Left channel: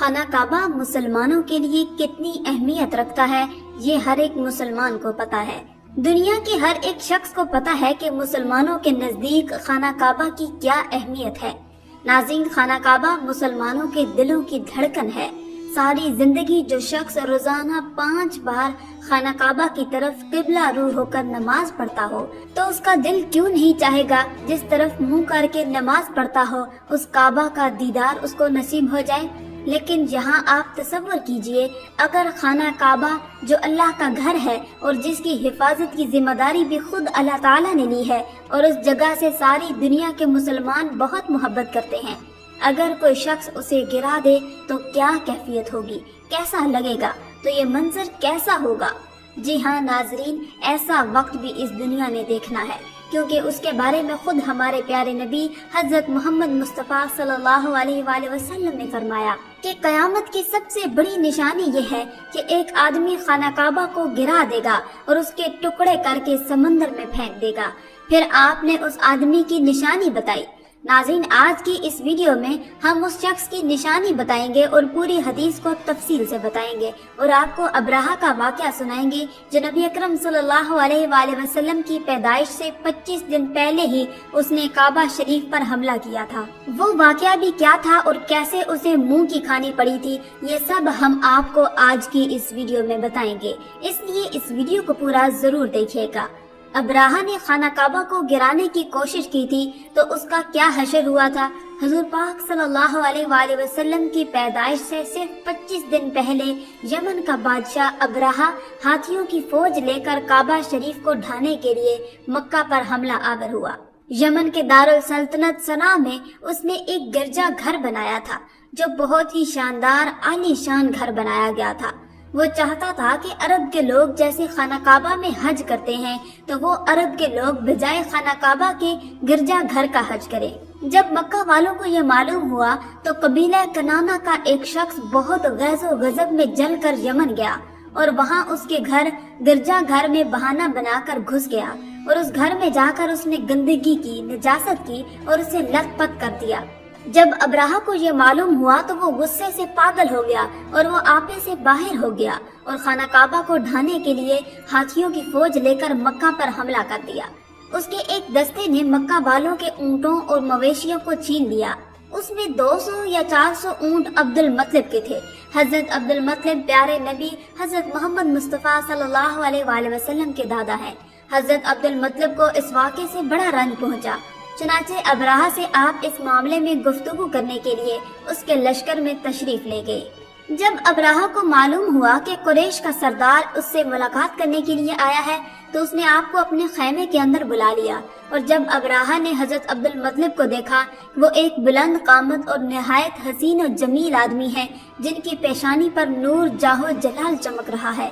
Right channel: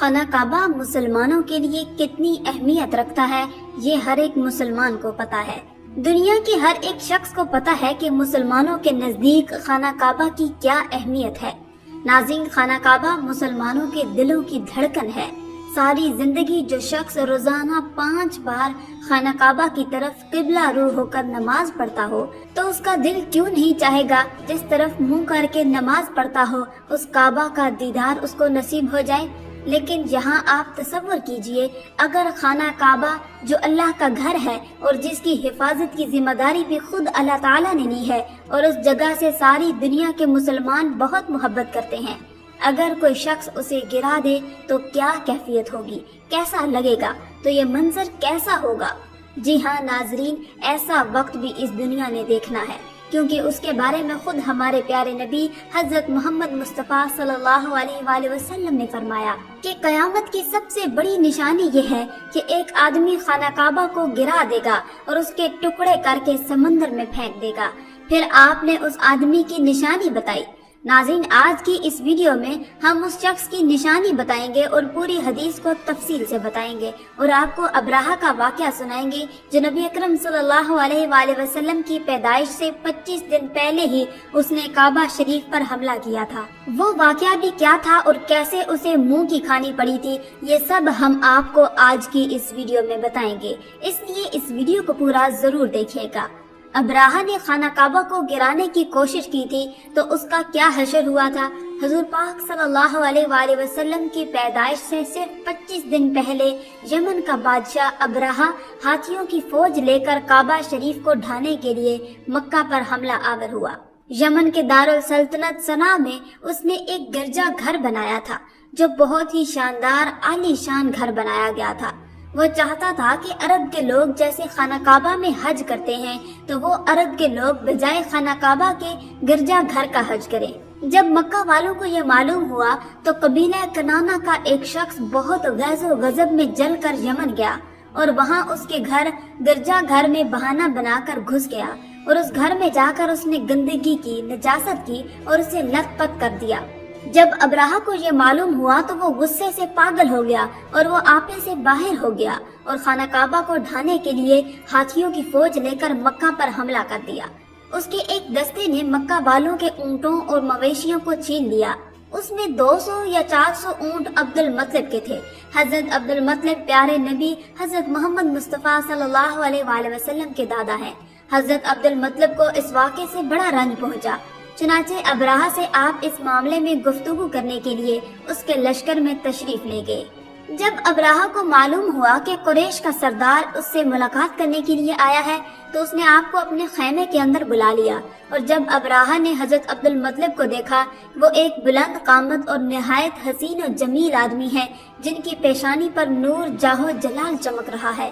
خانہ کعبہ مسلمانوں کے لیے کتنی اہمیت رکھتا ہے یہ ہر ایک مسلمان کو پتا ہے۔ دنیا کے ہر ایک شخص کو پتا ہے کہ مسلمانوں کے نزدیک خانہ کعبہ کی کیا اہمیت ہے۔ ناظرین، خانہ کعبہ مسلمانوں کے دلوں کی دھڑکن ہے۔ ساری زندگی جو شخص روزانہ 5 بار خانہ کعبہ کی طرف قبلہ رو ہو کر نماز پڑھتا ہو تو اس کا دل کیوں نہیں چاہے گا جس طرف منہ کر کے نماز پڑھتا ہو اس کعبہ کا دیدار اس کو نصیب ہو جائے۔ لیکن یہاں آپ تصور کیجئے، اگر خانہ کعبہ جو اللہ کا گھر ہے اور جس کی حفاظت کی ذمہ داری بھی خود اللہ تعالیٰ نے لی ہے، اور اس جگہ سے ساری دنیا کے مسلمان بہت محبت کرتے ہیں، اگر کوئی شخص اسے گرا دے تو کیا کیفیت ہوگی، کیسا لگے گا، تو یہ منظر کیسا ہوگا؟ جی ہاں ناظرین، ایسا وقت بھی اس دنیا نے دیکھنا ہے، کیونکہ اس کے بارے میں خود ہمارے پیارے نبی حضرت محمد مصطفیٰ صلی اللہ علیہ وآلہ وسلم نے فرمایا کہ قیامت کی سب سے بڑی نشانی یہ ہے کہ ایک آدمی خانہ کعبہ کو گرا دے گا اور اس کے ٹکڑے کر کے سمندر میں پھینک دے گا۔ پھر آپ نے اس آدمی کی نشانی بتائی۔ ناظرین، آج کی اس ویڈیو میں ہم اس شخص کی نشانی بتائیں گے اور پوری حدیث کو تفصیل سے بتائیں گے، اور آپ کو ابراہہ کا واقعہ سنائیں گے جو نبی اکرم صلی اللہ علیہ وآلہ وسلم کی پیدائش سے 25 دن پہلے ہی اس نے کعبہ شریف پر حملہ کیا تھا۔ وہ واقعہ بھی کیا تھا اور کیسے اسے منہ کی کھانی پڑی تھی، یہ سب ہم آپ کو آج کی اس ویڈیو میں بتائیں گے، اس لیے اس ویڈیو کو پورا ضرور دیکھیے گا۔ ابراہہ نے خانہ کعبہ کو گرانے کی کوشش کی تھی تو اس کا کیا حشر ہوا تھا؟ حضور پاک صلی اللہ علیہ وآلہ وسلم کی پیدائش سے صرف 25 دن پہلے یمن کا بادشاہ ابراہہ ہاتھیوں کی فوج لے کر کعبہ شریف کو ڈھانے کے لیے مکہ پر حملہ آور ہوا۔ یمن کے دارالسلطنت صنعا میں اس نے ایک گرجا گھر بنایا تھا جو بہت ہی شاندار عالی شان گھر بنایا گیا تھا۔ وہ چاہتا تھا کہ عرب کے لوگ جیسے خانہ کعبہ میں حج کرتے ہیں تو وہ عرب کے لوگ بجائے خانہ کعبہ کے گرجا گھر کا حج کریں۔ جب مکہ والوں کو یہ معلوم ہوا تو قبیلہ کنانہ کا ایک شخص بہت غیظ و غضب میں جل کر یمن گیا اور وہاں اس کے گرجا گھر میں بہانہ بنا کر گھس گیا، اور اس گھر میں جا کر اس نے گندگی کی، نجاست کی اور اسے لت پت کر دیا۔ جب ابراہہ کو یہ معلوم ہوا تو وہ غصے سے پاگل ہو گیا اور وہ آپے سے باہر ہو گیا اور خانہ کعبہ کو ڈھانے کے لیے ہاتھیوں کی فوج لے کر مکہ پر حملہ کر دیا۔ اس کے ایک دستے نے مکہ والوں کے اونٹوں اور مویشیوں کو چھین لیا۔ اس میں 200 یا 400 اونٹ عبد المطلب کے تھے۔ حضرت عبد المطلب پیارے نبی حضرت محمد مصطفیٰ صلی اللہ علیہ وآلہ وسلم کے دادا ہیں۔ حضرت عبد المطلب کو اس واقعے سے بڑا رنج پہنچا، چنانچہ ابراہہ سے آپ اس معاملے میں گفتگو کرنے کے لیے اس کے لشکر میں تشریف لے گئے۔ جب ابراہہ کو معلوم ہوا کہ قریش کا سردار اس سے ملاقات کرنے کے لیے آیا ہے تو اس نے آپ کو اپنے خیمے کے اندر بلا لیا، اور جب ابراہہ نے حضرت عبد المطلب کو دیکھا، وہ ایک بلند قامت اور نہایت حسین و جمیل آدمی ہیں جن کی پیشانی پر نور جاہ و جلال چمک رہا ہے۔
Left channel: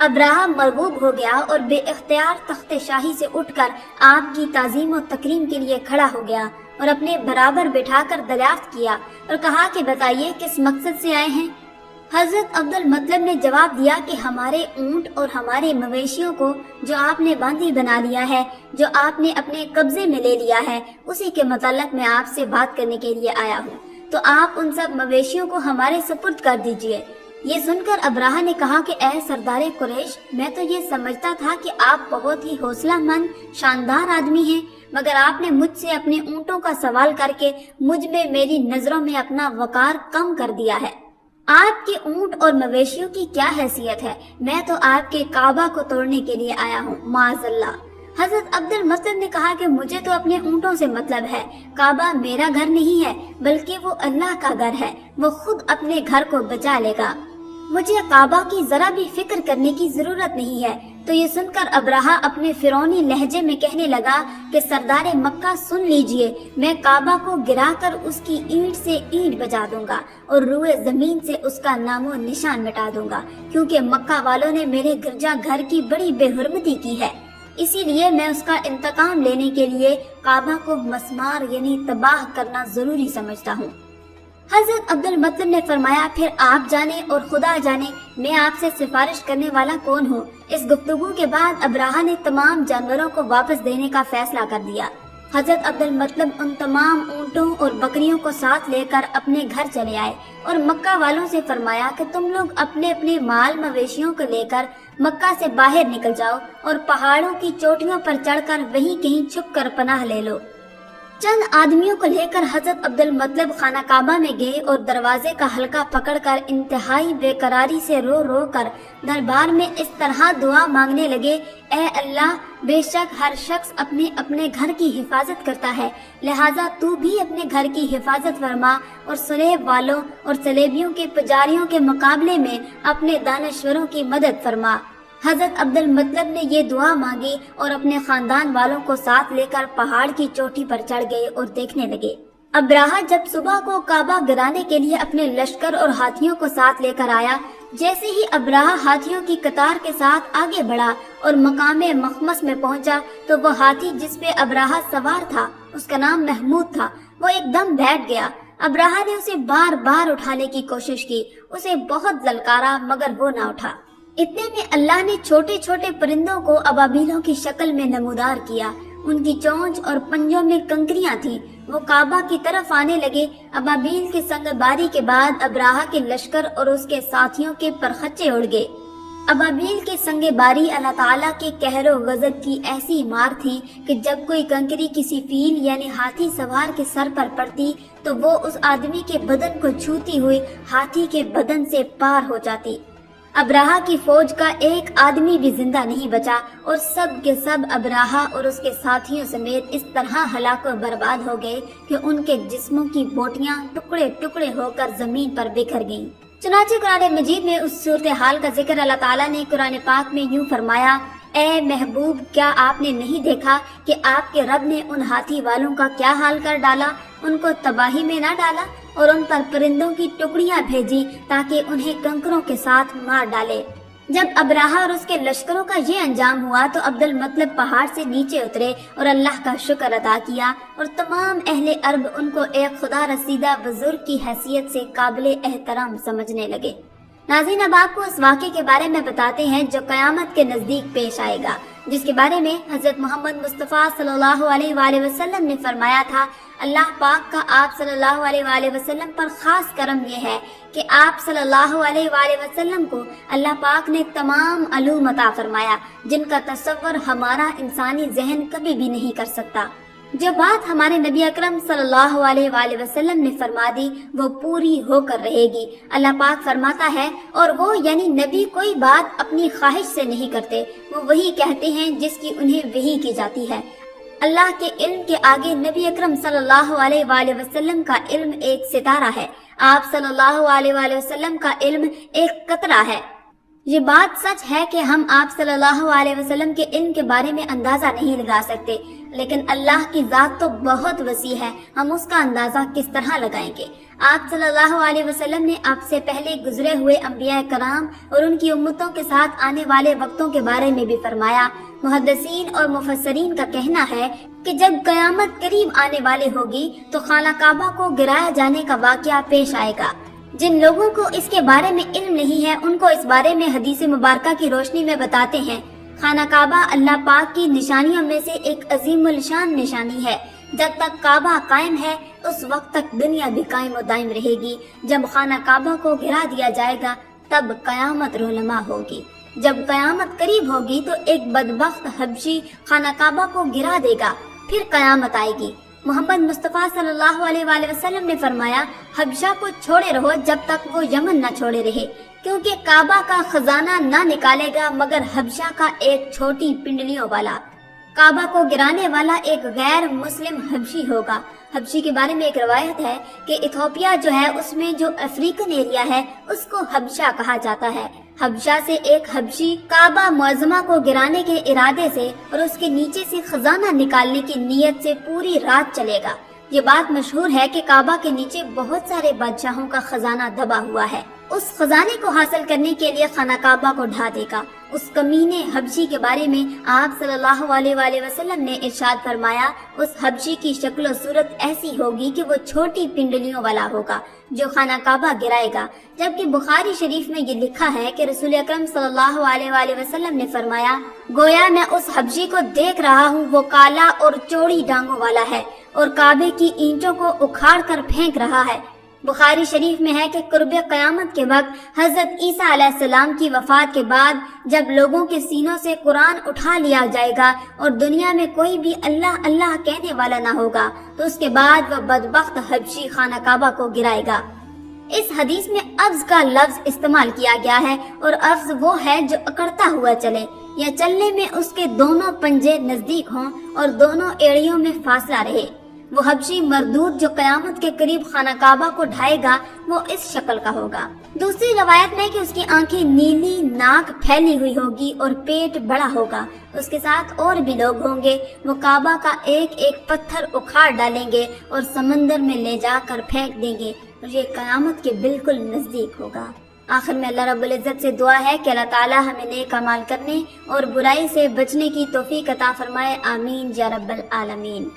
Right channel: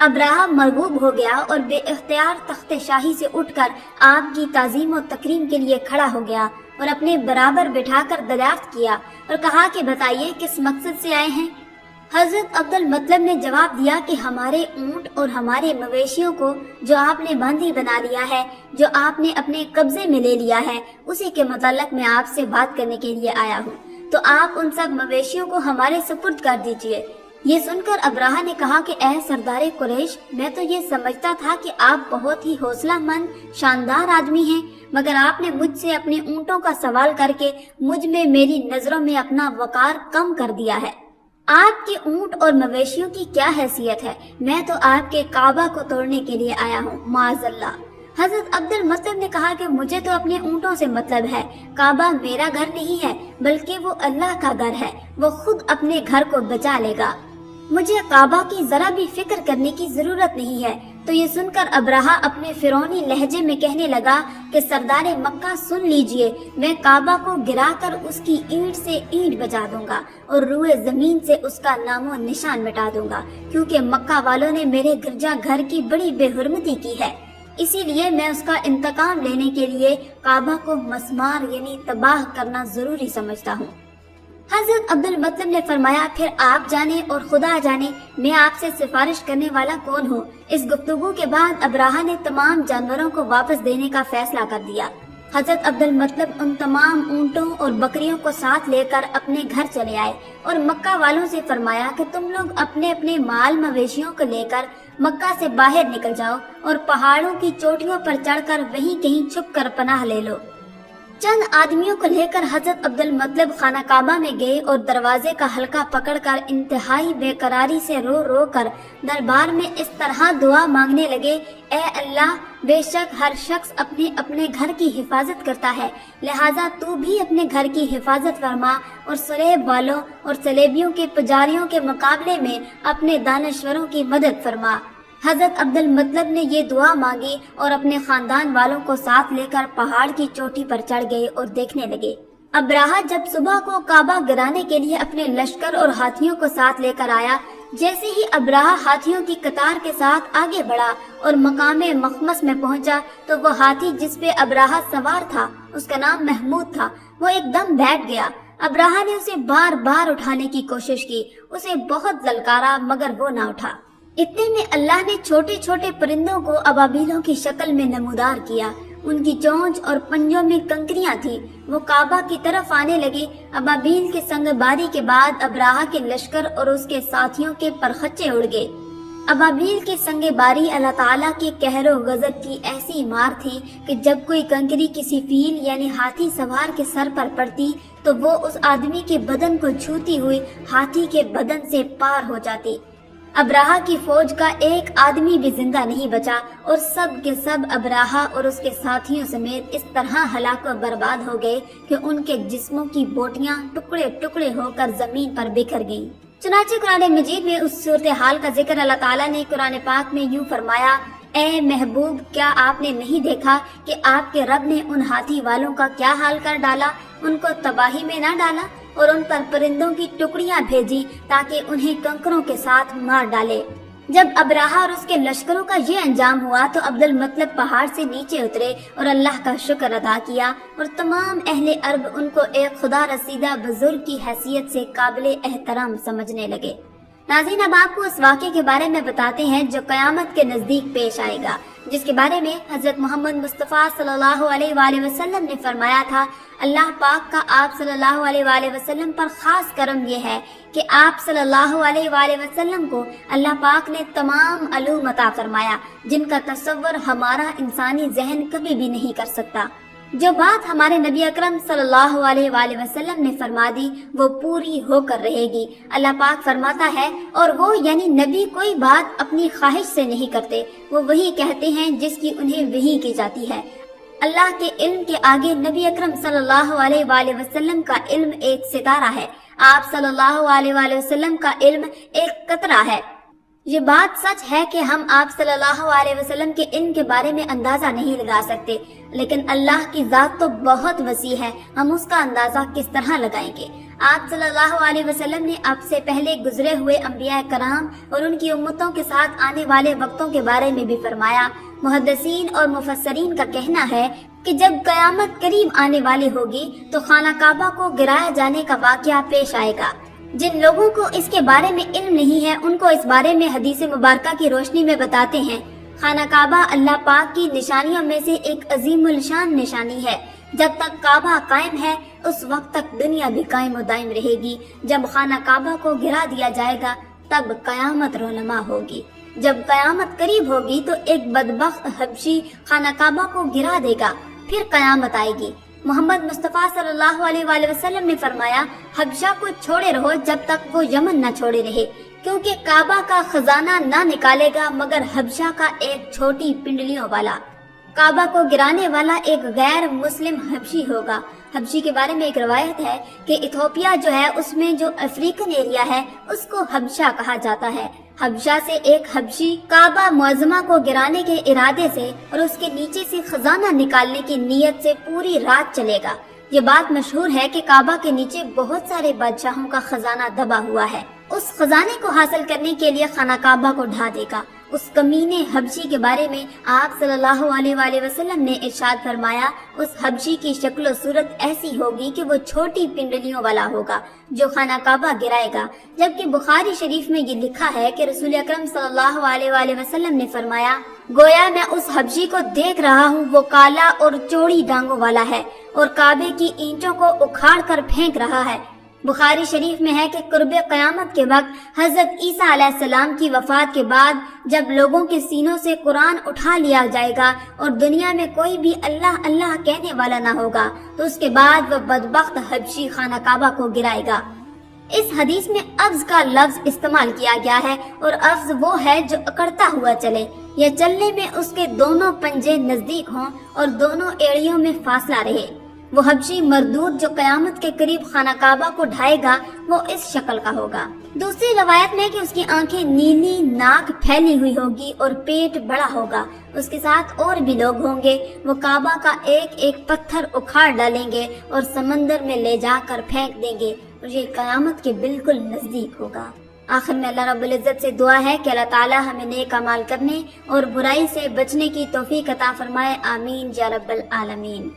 ابراہہ مرغوب ہو گیا اور بے اختیار تخت شاہی سے اٹھ کر آپ کی تعظیم و تکریم کے لیے کھڑا ہو گیا اور اپنے برابر بٹھا کر دریافت کیا اور کہا کہ بتائیے کس مقصد سے آئے ہیں؟ حضرت عبد المطلب نے جواب دیا کہ ہمارے اونٹ اور ہمارے مویشیوں کو جو آپ نے باندھی بنا لیا ہے، جو آپ نے اپنے قبضے میں لے لیا ہے، اسی کے متعلق میں آپ سے بات کرنے کے لیے آیا ہوں، تو آپ ان سب مویشیوں کو ہمارے سپرد کر دیجئے۔ یہ سن کر ابراہہ نے کہا کہ اے سردار قریش، میں تو یہ سمجھتا تھا کہ آپ بہت ہی حوصلہ مند شاندار آدمی ہیں، مگر آپ نے مجھ سے اپنے اونٹوں کا سوال کر کے مجھ میں میری نظروں میں اپنا وقار کم کر دیا ہے۔ آپ کے اونٹ اور مویشیوں کی کیا حیثیت ہے؟ میں تو آپ کے کعبہ کو توڑنے کے لیے آیا ہوں، معاذ اللہ۔ حضرت عبد المطلب نے کہا کہ مجھے تو اپنے اونٹوں سے مطلب ہے، کعبہ میرا گھر نہیں ہے بلکہ وہ اللہ کا گھر ہے، وہ خود اپنے گھر کو بچا لے گا، مجھے کعبہ کی ذرا بھی فکر کرنے کی ضرورت نہیں ہے۔ تو یہ سن کر ابراہہ اپنے فرعونی لہجے میں کہنے لگا کہ سردار مکہ سن لیجئے، میں کعبہ کو گرا کر اس کی اینٹ سے اینٹ بجا دوں گا اور روئے زمین سے اس کا نام و نشان مٹا دوں گا، کیونکہ مکہ والوں نے میرے گرجا گھر کی بڑی بے حرمتی کی ہے، اسی لیے میں اس کا انتقام لینے کے لیے کعبہ کو مسمار یعنی تباہ کرنا ضروری سمجھتا ہوں۔ حضرت عبد المطلب نے فرمایا، پھر آپ جانے اور خدا جانے میں آپ سے سفارش کرنے والا کون ہوں؟ اس گفتگو کے بعد ابراہہ نے تمام جانوروں کو واپس دینے کا فیصلہ کر دیا۔ حضرت عبد المطلب ان تمام اونٹوں اور بکریوں کو ساتھ لے کر اپنے گھر چلے آئے اور مکہ والوں سے فرمایا کہ تم لوگ اپنے اپنے مال مویشیوں کو لے کر مکہ سے باہر نکل جاؤ اور پہاڑوں کی چوٹیوں پر چڑھ کر وہیں کہیں چھپ کر پناہ لے لو۔ چند آدمیوں کو لے کر حضرت عبد المطلب خانہ کعبہ میں گئے اور دروازے کا حلقہ پکڑ کر انتہائی بے قراری سے رو رو کر دربار میں اس طرح دعا مانگنے لگے، اے اللہ، بے شک ہر شخص اپنے اپنے گھر کی حفاظت کرتا ہے، لہٰذا تو بھی اپنے گھر کی حفاظت فرما اور سلیب والوں اور سلیبیوں کے پجاریوں کے مقابلے میں اپنے دانشوروں کی مدد فرما۔ حضرت عبد المطلب نے یہ دعا مانگی اور اپنے خاندان والوں کو ساتھ لے کر پہاڑ کی چوٹی پر چڑھ گئے اور دیکھنے لگے۔ ابراہہ جب صبح کو کعبہ گرانے کے لیے اپنے لشکر اور ہاتھیوں کو ساتھ لے کر آیا، جیسے ہی ابراہہ ہاتھیوں کی قطار کے ساتھ آگے بڑھا اور مقام مخمس میں پہنچا تو وہ ہاتھی جس پہ ابراہہ سوار تھا، اس کا نام محمود تھا، وہ ایک دم بیٹھ گیا۔ ابراہہ نے اسے بار بار اٹھانے کی کوشش کی، اسے بہت للکارا مگر وہ نہ اٹھا۔ اتنے میں اللہ نے چھوٹے چھوٹے پرندوں کو ابابیلوں کی شکل میں نمودار کیا، ان کی چونچ اور پنجوں میں کنکریاں تھیں، وہ کعبہ کی طرف آنے لگے۔ ابابیل کے سنگ باری کے بعد ابراہہ کے لشکر اور اس کے ساتھیوں کے پرخچے اڑ گئے۔ ابابیل کے سنگ باری اللہ تعالیٰ کے قہر و غضب کی ایسی مار تھی کہ جب کوئی کنکری کسی فیل یعنی ہاتھی سوار کے سر پر پڑتی تو وہ اس آدمی کے بدن کو چھوتی ہوئی ہاتھی کے بدن سے پار ہو جاتی۔ ابراہہ کی فوج کا ایک آدمی بھی زندہ نہیں بچا اور سب کے سب ابراہہ اور اس کے ساتھیوں سمیت اس طرح ہلاک و برباد ہو گئے کہ ان کے جسموں کی بوٹیاں ٹکڑے ٹکڑے ہو کر زمین پر بکھر گئیں۔ چنانچہ قرآن مجید میں اس صورتحال کا ذکر اللہ تعالیٰ نے قرآن پاک میں یوں فرمایا، اے محبوب، کیا آپ نے نہیں دیکھا کہ آپ کے رب نے ان ہاتھی والوں کا کیا حال کر ڈالا؟ ان کو تباہی میں نہ ڈالا اور ان پر پرندوں کی ٹکڑیاں بھیجی تاکہ انہیں کنکروں کے ساتھ مار ڈالے۔ جب ابراہہ اور اس کے لشکروں کا یہ انجام ہوا تو عبد المطلب پہاڑ سے نیچے اترے اور اللہ کا شکر ادا کیا اور تمام اہل عرب ان کو ایک خدا رسیدہ بزرگ کی حیثیت سے قابل احترام سمجھنے لگے۔ ناظرین، اب آپ کو اس واقعے کے بارے میں بتاتے ہیں جو قیامت کے نزدیک پیش آئے گا، جس کے بارے میں حضرت محمد مصطفیٰ صلی اللہ علیہ وآلہ وسلم نے فرمایا تھا، اللہ پاک کا آپ صلی اللہ علیہ وآلہ وسلم پر خاص کرم یہ ہے کہ آپ صلی اللہ علیہ وآلہ وسلم کو اللہ پاک نے تمام علوم عطا فرمایا جن کا تصور ہمارا انسانی ذہن کبھی بھی نہیں کر سکتا۔ جو بات ہمارے نبی اکرم صلی اللہ علیہ وآلہ وسلم نے فرما دی وہ پوری ہو کر رہے گی۔ اللہ پاک فرماتا ہے، اور وہ یعنی نبی کوئی بات اپنی خواہش سے نہیں کرتے، وہ وہی کہتے ہیں جس کی انہیں وحی کی جاتی ہے۔ اللہ کے علم کے آگے نبی اکرم صلی اللہ علیہ وآلہ وسلم کا علم ایک ستارہ ہے، آپ صلی اللہ علیہ وآلہ وسلم کا علم ایک قطرہ ہے۔ یہ بات سچ ہے کہ ہم آپ صلی اللہ علیہ وسلم کے علم کے بارے میں اندازہ نہیں لگا سکتے، لیکن اللہ کی ذات تو بہت وسیع ہے، ہم اس کا اندازہ کس طرح لگائیں گے۔ آپ صلی اللہ علیہ وسلم نے اب سے پہلے گزرے ہوئے انبیاء کرام اور ان کی امتوں کے ساتھ آنے والے وقتوں کے بارے میں بھی فرمایا۔ محدثین اور مفسرین کا کہنا ہے کہ جب قیامت قریب آنے والی ہوگی تو خانہ کعبہ کو گرایا جانے کا واقعہ پیش آئے گا۔ جن لوگوں کو اس کے بارے میں علم نہیں ہے ان کو اس بارے میں حدیث مبارکہ کی روشنی میں بتاتے ہیں۔ خانہ کعبہ اللہ پاک کی نشانیوں میں سے ایک عظیم الشان نشانی ہے۔ جب تک کعبہ قائم ہے اس وقت تک دنیا بھی قائم و دائم رہے گی۔ جب خانہ کعبہ کو گرا دیا جائے گا تب قیامت رونما ہوگی۔ جب قیامت قریب ہوگی تو ایک بدبخت حبشی خانہ کعبہ کو گرا دے گا، پھر قیامت آئے گی۔ محمد مصطفیٰ صلی اللہ علیہ وآلہ وسلم نے فرمایا، حبشہ کو چھوڑے رہو جب تک وہ یمن نہ چھوڑے رہے، کیونکہ کعبہ کا خزانہ نہ نکالے گا مگر حبشہ کا ایک چھوٹی پنڈلیوں والا۔ کعبہ کو گرانے والا ایک غیر مسلم حبشی ہوگا۔ حبشی کے بارے میں ایک روایت ہے کہ ایتھوپیا جو ہے اس میں جو افریقن ایریا ہے اس کو حبشہ کہا جاتا ہے۔ حبشہ سے ایک حبشی کعبہ معظمہ کو گرانے کے ارادے سے اور اس کے نیچے سے خزانہ نکالنے کی نیت سے پوری رات چلے گا۔ یہ بات مشہور ہے کہ کعبہ کے نیچے بہت سارے بادشاہوں کا خزانہ دبا ہوا ہے۔ اس اس خزانے کو حاصل کرنے کے لیے خانہ کعبہ کو ڈھا دے گا۔ اس کمینے حبشی کے بارے میں آپ صلی اللہ علیہ وآلہ وسلم نے ارشاد فرمایا، اس حبشی کی شکل و صورت ایسی ہوگی کہ وہ چھوٹی پنڈلیوں والا ہوگا جو خانہ کعبہ گرائے گا۔ جبکہ بخاری شریف میں یہ لکھا ہے کہ رسول اکرم صلی اللہ علیہ وآلہ وسلم نے فرمایا، گویا میں اس حبشی کو دیکھ رہا ہوں، وہ کالا اور چوڑی ڈانگوں والا ہے اور کعبے کی اینٹوں کو اکھاڑ کر پھینک رہا ہے۔ بخاری شریف میں ہے کہ قرب قیامت کے وقت حضرت عیسیٰ علیہ السلام کی وفات کے بعد جب لوگوں کے سینوں سے قرآن اٹھا لیا جائے گا اور دنیا میں کوئی بھی اللہ اللہ کہنے والا نہ ہوگا تو اس کے بعد وہ بدبخت حبشی خانہ کعبہ کو گرائے گا۔ اس حدیث میں افز کا لفظ استعمال کیا گیا ہے اور افز وہ ہے جو اکڑتا ہوا چلے یا چلنے میں اس کے دونوں پنجے نزدیک ہوں اور دونوں ایڑیوں میں فاصلہ رہے۔ وہ حبشی مردود جو قیامت کے قریب خانہ کعبہ کو ڈھائے گا وہ اس شکل کا ہوگا۔ دوسری روایت میں کہ اس کی آنکھیں نیلی، ناک پھیلی ہوئی ہوگی اور پیٹ بڑا ہوگا۔ اس کے ساتھ اور بھی لوگ ہوں گے، وہ کعبہ کا ایک ایک پتھر اکھاڑ ڈالیں گے اور سمندر میں لے جا کر پھینک دیں گے اور یہ قیامت کے بالکل نزدیک ہوگا۔ آخر میں اللہ رب العزت سے دعا ہے کہ اللہ تعالی ہمیں نیک اعمال کرنے اور برائی سے بچنے کی توفیق عطا فرمائے، آمین یا رب العالمین۔